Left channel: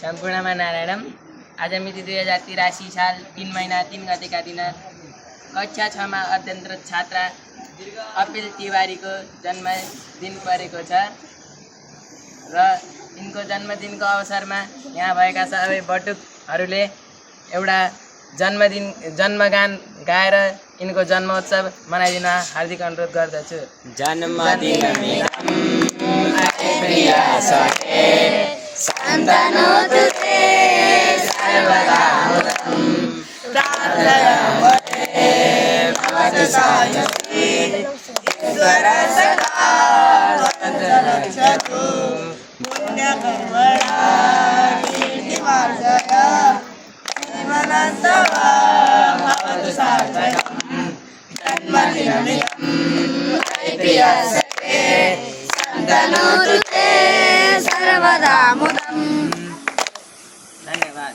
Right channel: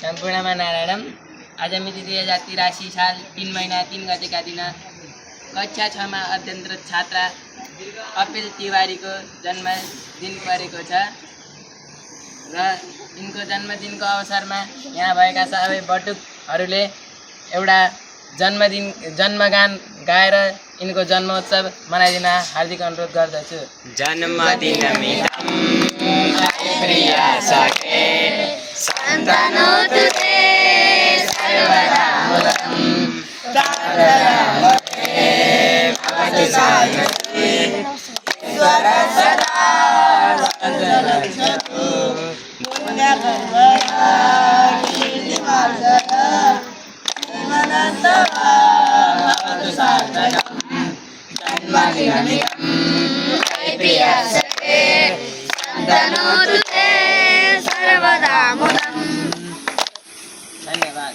सम्पूर्णमा नारायणम। आज मिति 2083 साल 3 महिना 3 गतेका दिन कक्षा 6 मा अध्ययनरत छात्रा अपिल तिवारीको जन्मदिन परेको छ र यिनको जन्मदिनको अवसरमा यहाँ भएका सबै बटुकहरूले एउटा जन्मगान गाएर यिनको जन्मोत्सव मनाइदिन हार्दिक अनुरोध गर्दछु। जन्मदिन प्रिया सखे सन्तनो तुते सर्वदा मुदं प्रार्थयामहे भवतु सायते ईश्वर सदा सन्तरक्षतु पुण्यकर्मणा कीर्तिवर्धना जीवनान्तवा भवतु सार्थकम् जन्मदिनमिदं प्रिया सखे सन्तनो तुते सर्वदा मुदम्। धन्यवाद।